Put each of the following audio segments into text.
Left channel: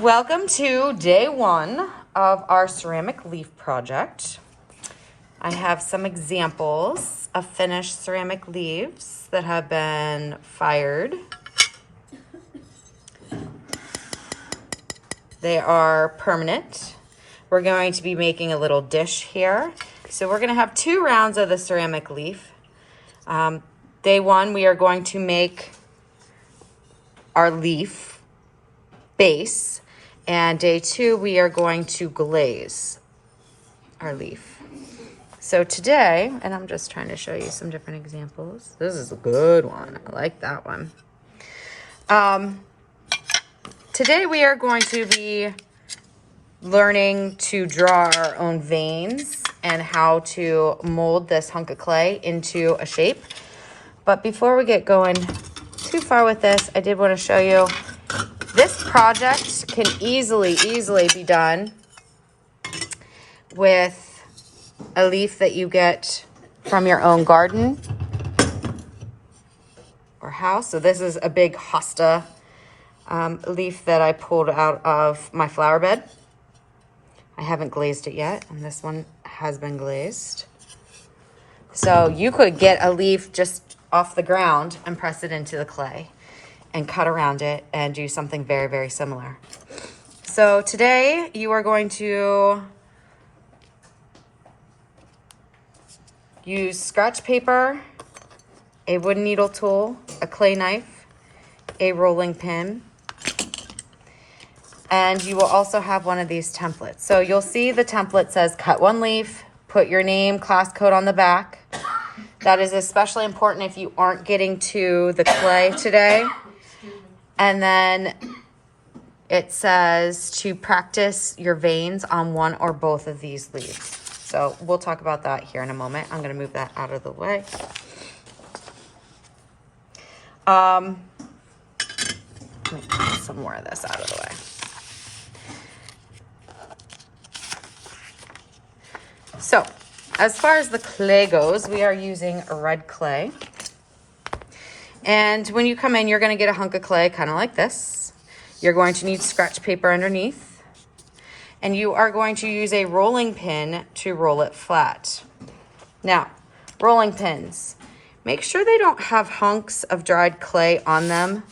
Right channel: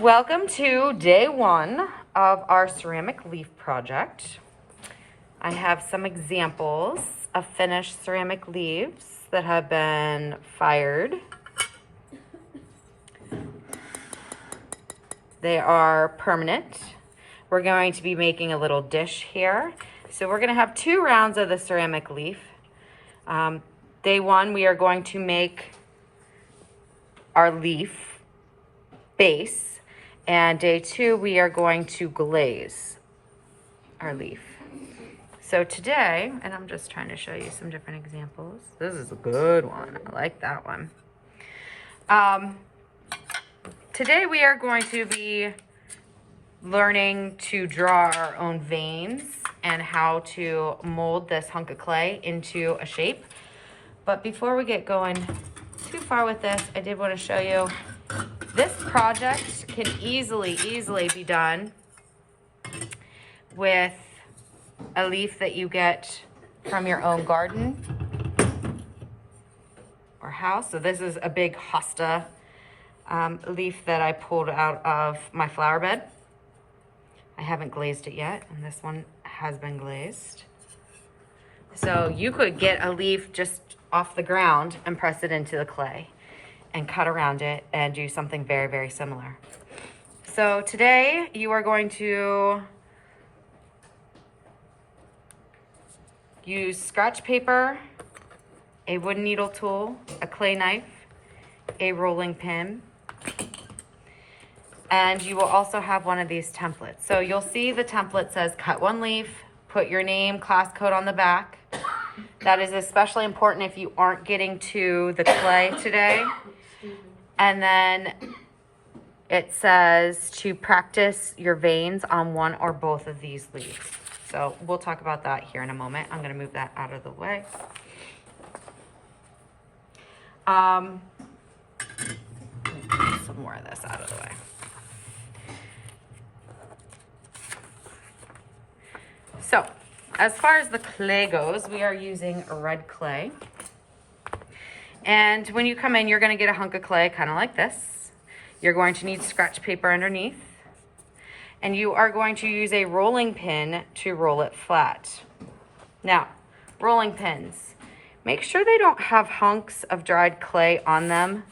Welcome to day one of our ceramic leaf project. I have some examples of finished ceramic leaves that have been fired. They are permanent. We're going to be making a little dish here. So we're going to have 2 rounds of the ceramic leaf. Day one, we are going to make our leaf base. And day 2, we are going to glaze our leaf. So today, and I'm just trying to show you some different examples. This is a good one. I like that one. Today we are going to be learning to draw our own veins and how to mold this hunk of clay into a shape. But before we get going too far with this, I did want to show you this project can easily be done with a leaf that you get from your own garden or house. So this is a big hosta leaf that I pulled out of my flower bed. I haven't glazed it yet, and this one has been glazed. So you could get a leaf just off the ground and press it into the clay and cut around it and do something very similar. So today you are going to use scratch paper, a wooden needle tool, a clay knife, a rolling pin, and you will also have one of these templates. So you'll see the template says cut 1 leaf, put your name, class code on the back. That is especially important if you aren't getting to the clay today. And then it says to practice your veins on one or both of these leaves. So we'll talk about that here in a moment. I'm going to move that out of the way. Let me get some more of this out of the way. So as far as the clay goes, we are using red clay. And when you come in, you're going to get a hunk of clay kind of like this. You're going to need scratch paper underneath. And you are going to use a rolling pin to roll it flat. Now, rolling pins, make sure they don't have hunks of dried clay on them.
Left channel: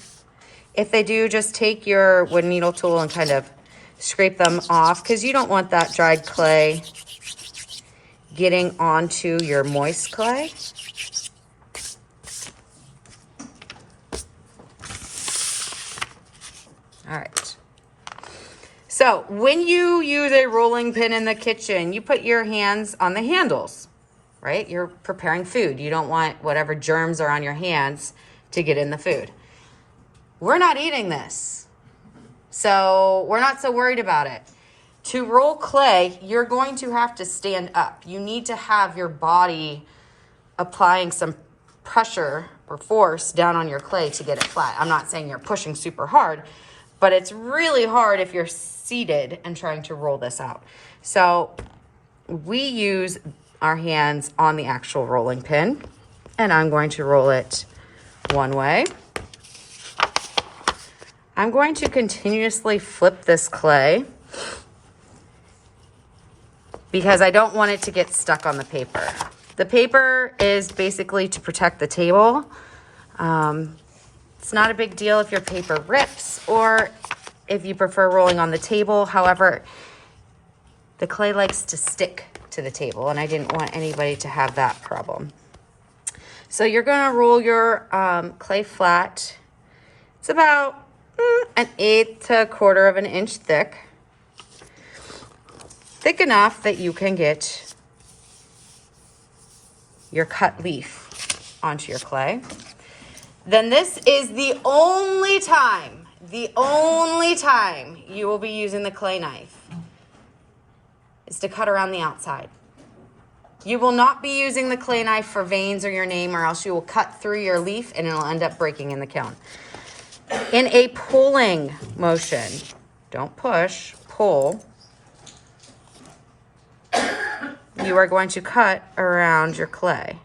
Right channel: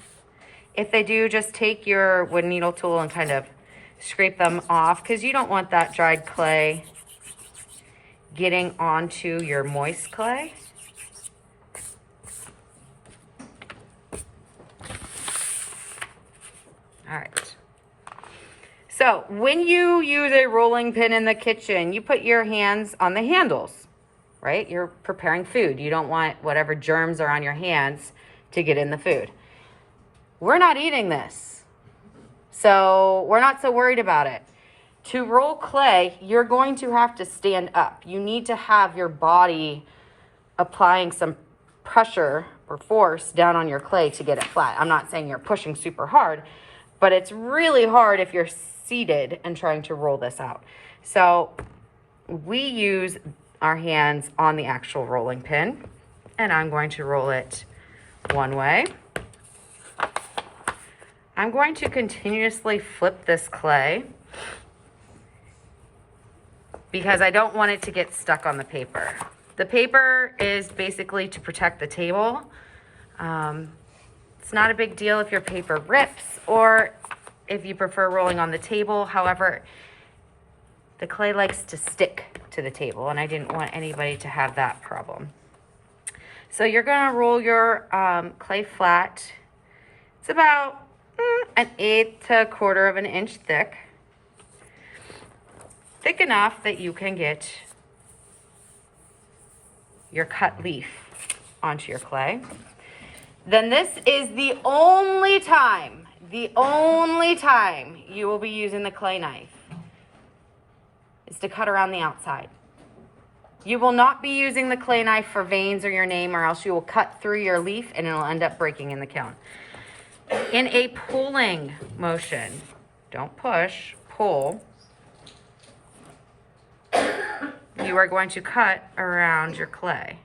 If they do, just take your wooden needle tool and kind of scrape them off, because you don't want that dried clay getting onto your moist clay. All right. So when you use a rolling pin in the kitchen, you put your hands on the handles, right? You're preparing food. You don't want whatever germs are on your hands to get in the food. We're not eating this, so we're not so worried about it. To roll clay, you're going to have to stand up. You need to have your body applying some pressure or force down on your clay to get it flat. I'm not saying you're pushing super hard, but it's really hard if you're seated and trying to roll this out. So we use our hands on the actual rolling pin, and I'm going to roll it one way. I'm going to continuously flip this clay because I don't want it to get stuck on the paper. The paper is basically to protect the table. It's not a big deal if your paper rips or if you prefer rolling on the table. However, the clay likes to stick to the table, and I didn't want anybody to have that problem. So you're gonna roll your clay flat. It's about 1/8 to 1/4 of an inch thick. Thick enough that you can get your cut leaf onto your clay. Then this is the only time you will be using the clay knife is to cut around the outside. You will not be using the clay knife for veins or your name, or else you will cut through your leaf and it'll end up breaking in the kiln. In a pulling motion, don't push, pull, you are going to cut around your clay.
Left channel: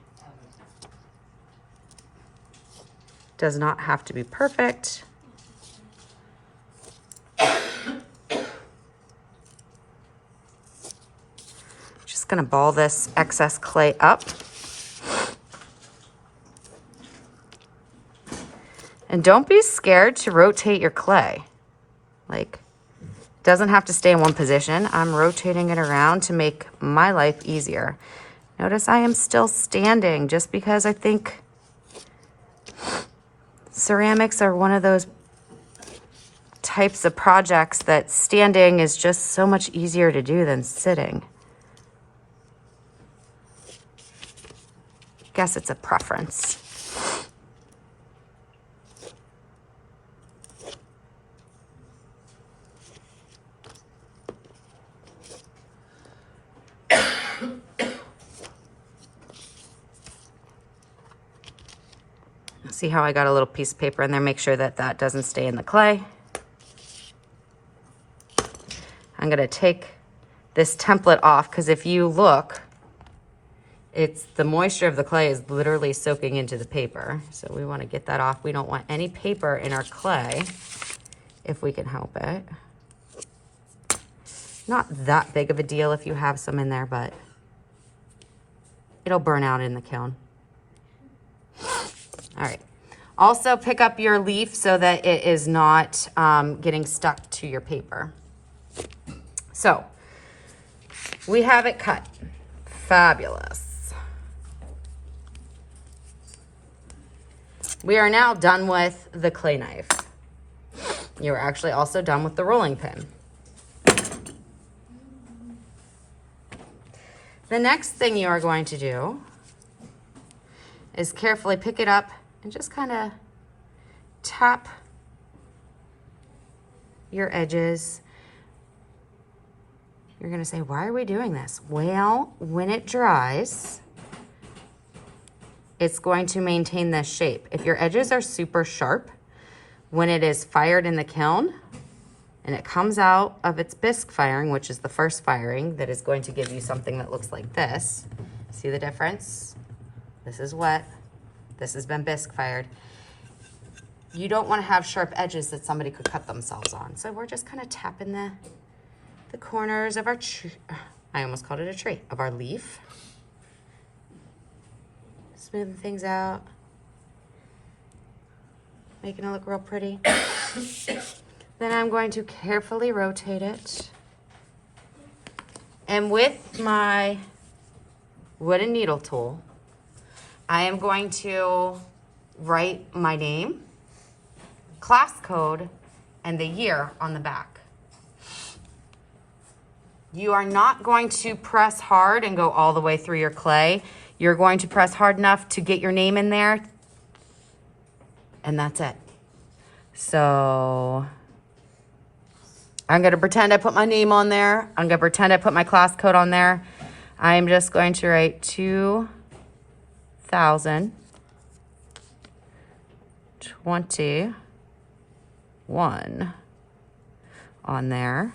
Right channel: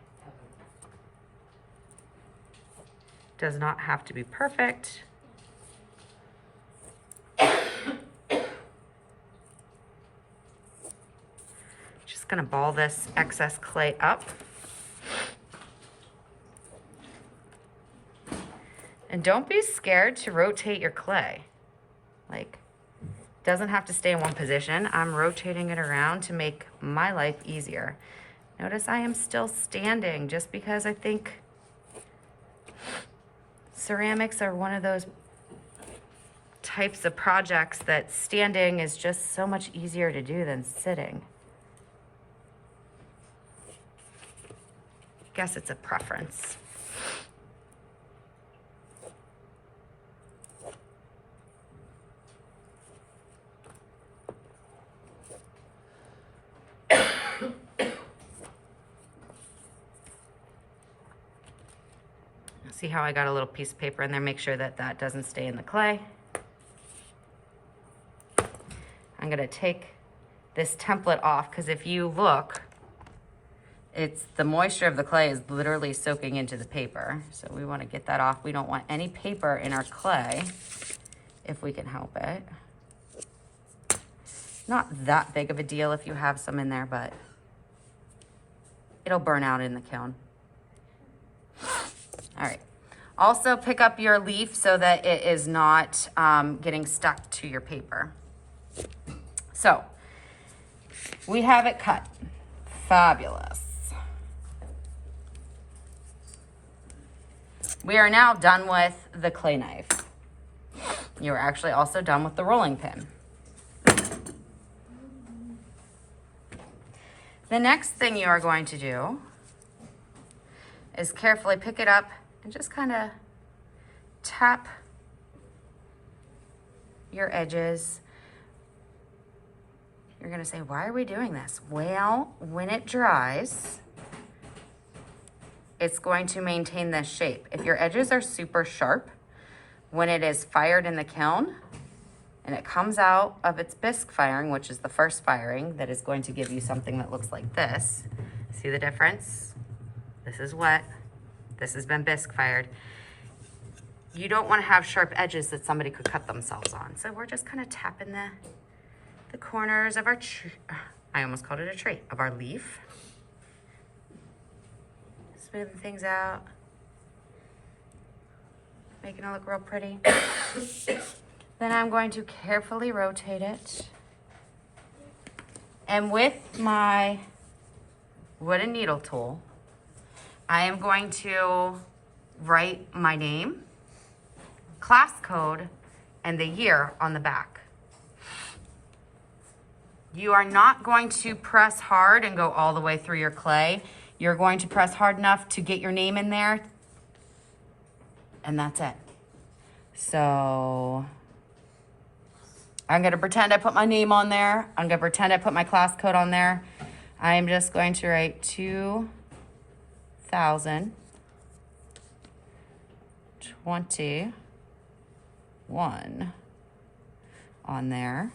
Does not have to be perfect. gonna ball this excess clay up. And don't be scared to rotate your clay. Like, it doesn't have to stay in one position. I'm rotating it around to make my life easier. Notice I am still standing just because I think ceramics are one of those types of projects that standing is just so much easier to do than sitting. Guess it's a preference. See how I got a little piece of paper in there? Make sure that that doesn't stay in the clay. I'm gonna take this template off because if you look, it's the moisture of the clay is literally soaking into the paper. So we want to get that off. We don't want any paper in our clay if we can help it. Not that big of a deal if you have some in there, but it'll burn out in the kiln. All right. Also pick up your leaf so that it is not getting stuck to your paper. So we have it cut. Fabulous. We are now done with the clay knife. You're actually also done with the rolling pin. The next thing you are going to do is carefully pick it up and just kind of tap your edges. You're gonna say, why are we doing this? Well, when it dries, it's going to maintain this shape. If your edges are super sharp, when it is fired in the kiln and it comes out of its bisque firing, which is the first firing that is going to give you something that looks like this. See the difference? This is wet. This has been bisque fired. You don't want to have sharp edges that somebody could cut themselves on. So we're just kind of tapping the corners of our tree. I almost called it a tree, of our leaf. Smoothing things out. Making it look real pretty. Then I'm going to carefully rotate it. And with my wooden needle tool, I am going to write my name, class code, and the year on the back. You are not going to press hard and go all the way through your clay. You're going to press hard enough to get your name in there, and that's it. So I'm gonna pretend I put my name on there. I'm gonna pretend I put my class code on there. I'm just going to write 2021 on there.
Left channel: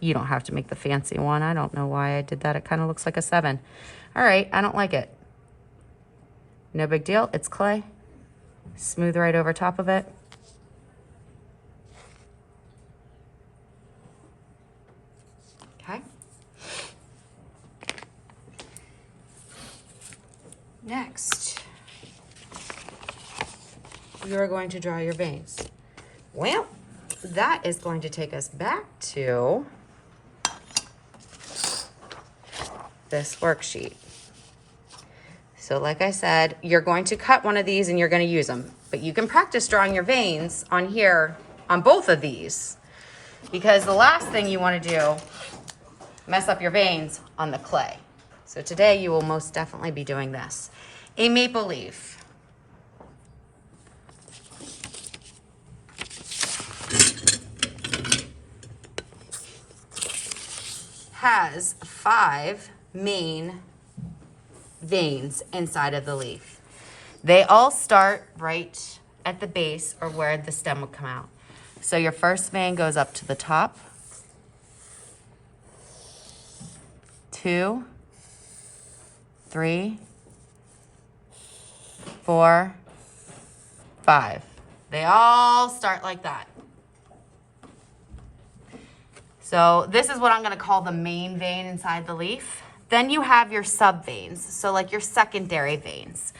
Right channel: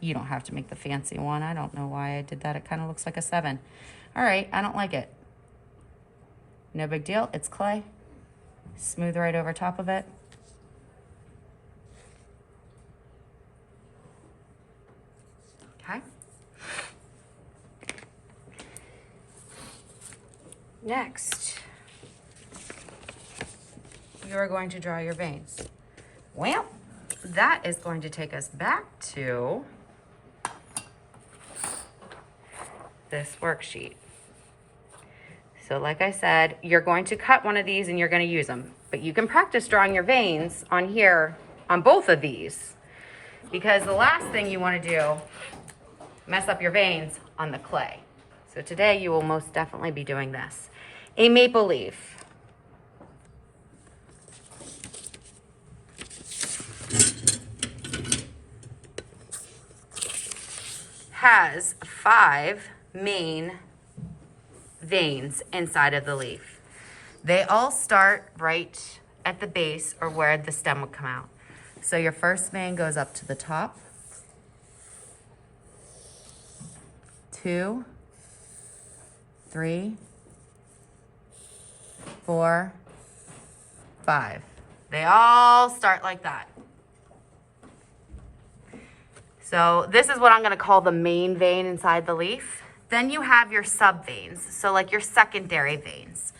You don't have to make the fancy one. I don't know why I did that. It kind of looks like a 7. All right, I don't like it. No big deal, it's clay. Smooth right over top of it. Okay. Next, you are going to draw your veins. Well, that is going to take us back to this worksheet. So like I said, you're going to cut one of these and you're going to use them, but you can practice drawing your veins on here on both of these, because the last thing you want to do, mess up your veins on the clay. So today you will most definitely be doing this. A maple leaf. Has 5 main veins inside of the leaf. They all start right at the base or where the stem would come out. So your first vein goes up to the top. 2, 3, 4, 5. They all start like that. So this is what I'm gonna call the main vein inside the leaf. Then you have your sub veins, so like your secondary veins.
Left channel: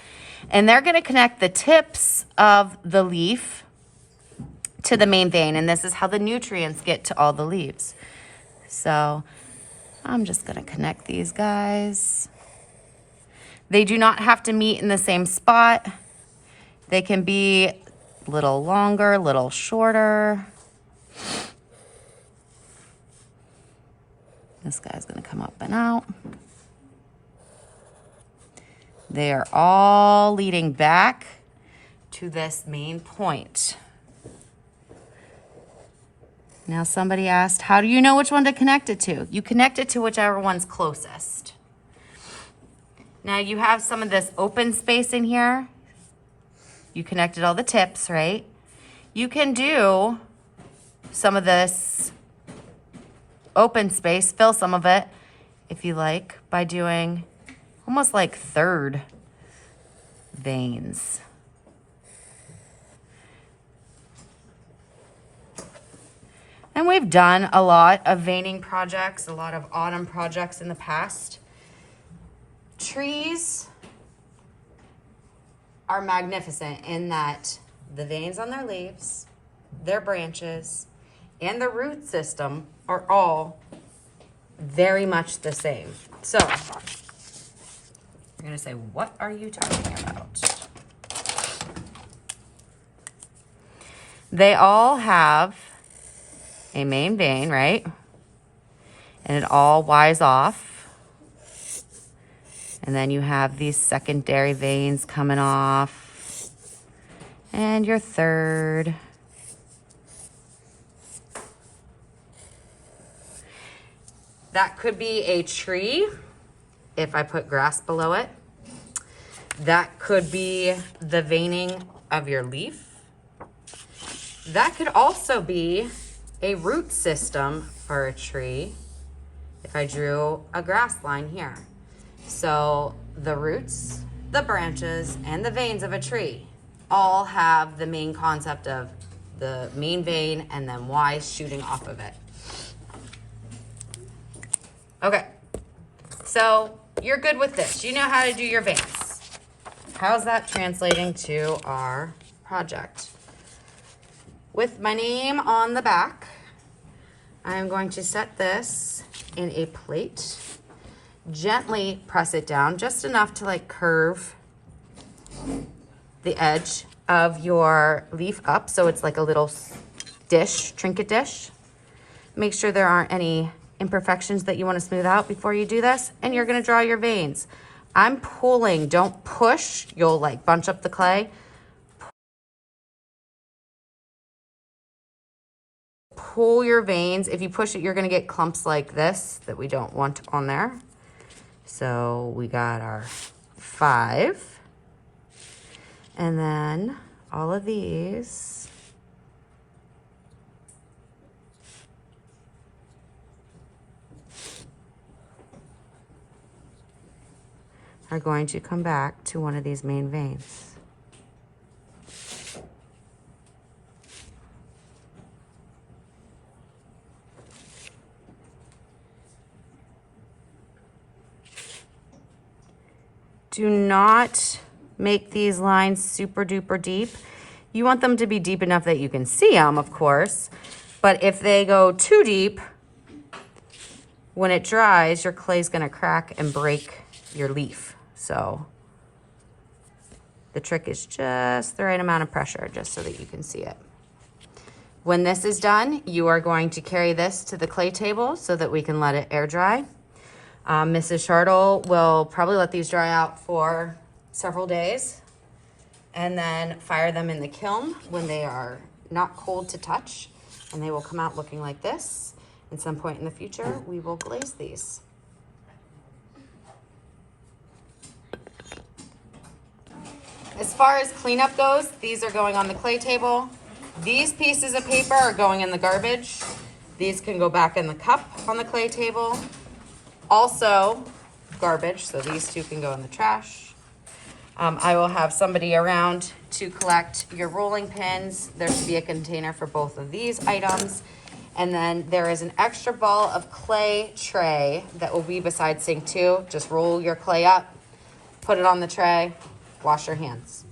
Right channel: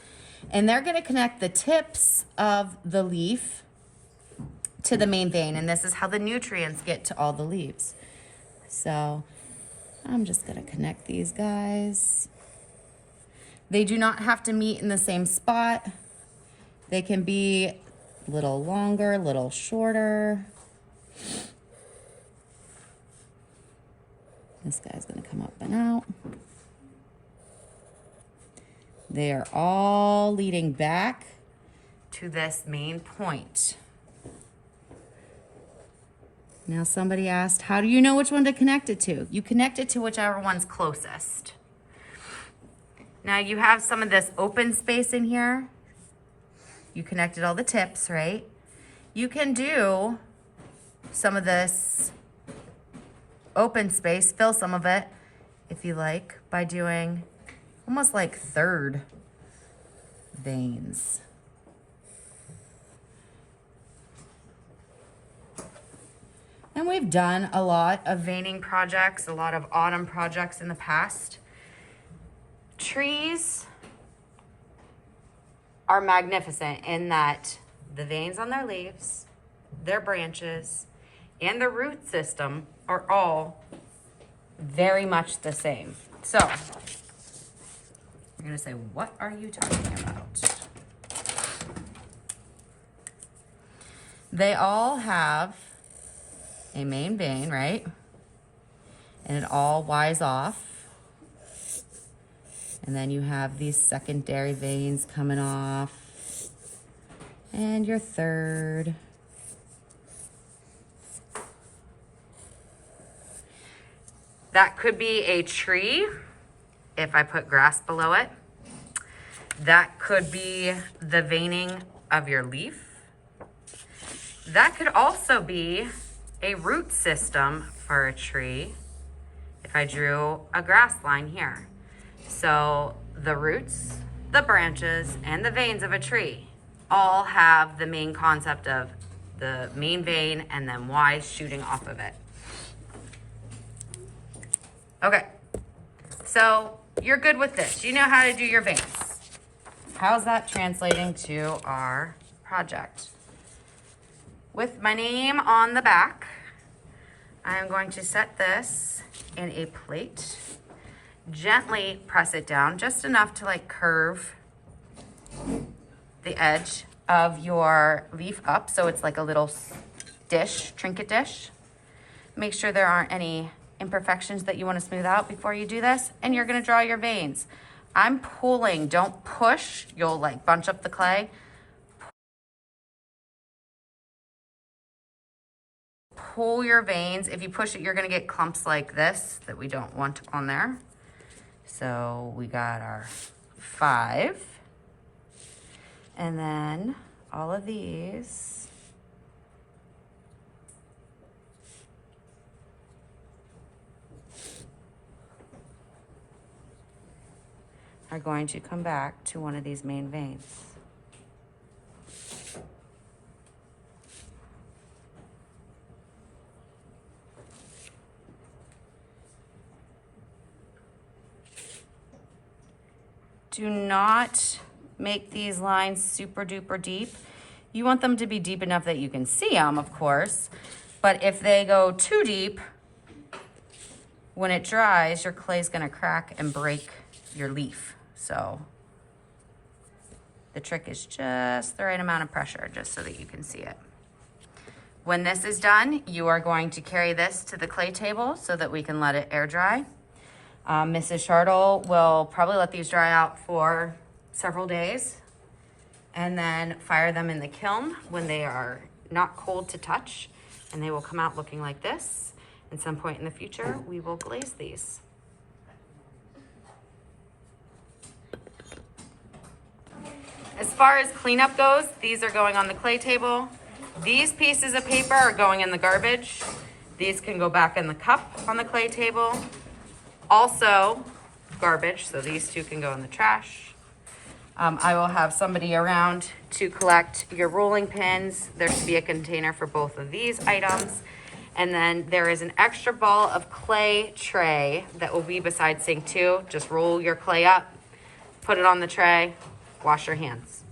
And they're gonna connect the tips of the leaf to the main vein, and this is how the nutrients get to all the leaves. So I'm just gonna connect these guys. They do not have to meet in the same spot. They can be a little longer, a little shorter. This guy's gonna come up and out. They are all leading back to this main point. Now somebody asked, how do you know which one to connect it to? You connect it to whichever one's closest. Now you have some of this open space in here. You connected all the tips, right? You can do some of this open space, fill some of it, if you like, by doing almost like third veins. And we've done a lot of veining projects, a lot of autumn projects in the past. Trees are magnificent in that the veins on their leaves, their branches, and the root system are all very much the same. So I'm gonna say, what are you talking about? They all have a main vein, right? And it all wires off. And then you have these secondary veins coming off. And your third. That could be a tree if I put grass below it. That could be the veining of your leaf. That could also be a root system for a tree if I drew a grass line here. So the roots, the branches, and the veins of a tree all have the main concept of the main vein and then Y's shooting off of it. Okay, so you're good with this. You know how to do your veins. How's that translating to our project? With my name on the back, I'm going to set this in a plate. Gently press it down, just enough to like curve the edge of your leaf up so it's like a little dish, trinket dish. Make sure there aren't any imperfections that you want to smooth out before you do this, and you're going to draw your veins. I'm pulling, don't push, you'll like bunch up the clay. Pull your veins. If you push it, you're going to get clumps like this that we don't want on there. So we got our 5, and then all of these are going to come back to one of these main veins. Do not make these lines super duper deep. You want them to be deep enough that you can see them, of course, but if they go too deep, when it dries, your clay's gonna crack and break your leaf. So the trick is just the right amount of pressure, just so that you can see it. When this is done, you are going to carry this to the clay table so that we can let it air dry. Mrs. Shartle will probably let these dry out for several days and then fire them in the kiln when they are not cold to touch, and they will come out looking like this. At some point in the future, we will glaze these. As far as cleanup goes, these are going on the clay table. These pieces of paper are going in the garbage. These can go back in the cup on the clay table. Also garbage, so these two can go in the trash. I will have somebody around to collect your rolling pins. There should be a container for both of these items. And then there is an extra ball of clay tray that will be beside sink 2. Just roll your clay up, put it on the tray, wash your hands.